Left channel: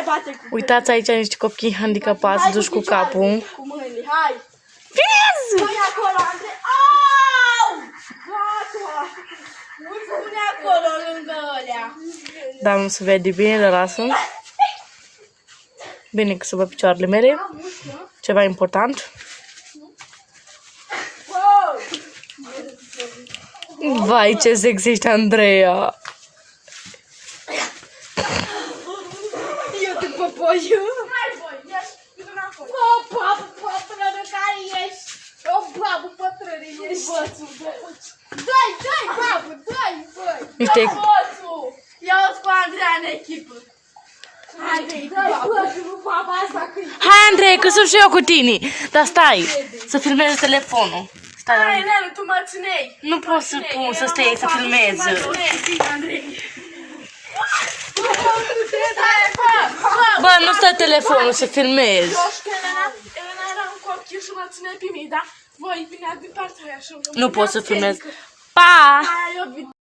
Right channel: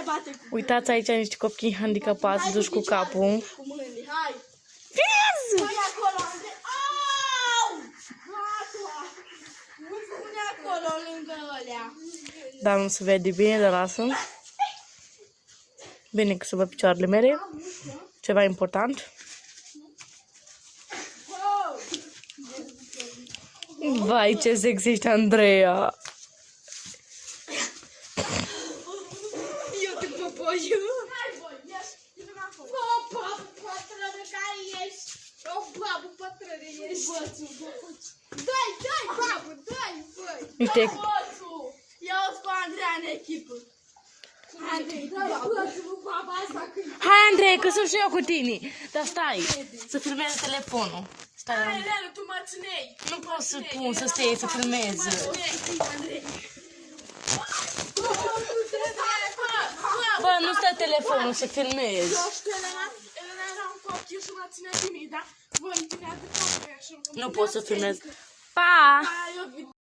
Hai, bate cu Uitați aici niște copii handicapați, duși cu capul. Cu mâinile, hai! Finez! Pune acolo, Andrei! Au! Gata! Nu pune acolo lângă ălea. Dar nu se vede bine, dar lasă. Bine că să văd picioarele mele. Ceva important. Vai, ce sex ești, Andreea! Eu te popoiu. Hai, băi, ieși, du-te înapoi. Bă, babă, pătrână, care ești? O babă, pătrână, ești. Bățul, dai, babă, dai, băi. Niște... Bățul! Ia-o cu Andreea în echipă. Andrei, dai, bățul, baba asta că... Hai, Andrei, că sunt și eu cu tine. Dar stai, să filmez telefonul. Stai, Hai, Nelu, tu mă ținei. nu pot să pun, să stai, să filmez. Bă, nu stă telefonul, să filmez. Elena era un copil și mă ține timid, da? Voi, bine, atâta tu așa. Nu pot să filmez. Pa! Hai, eu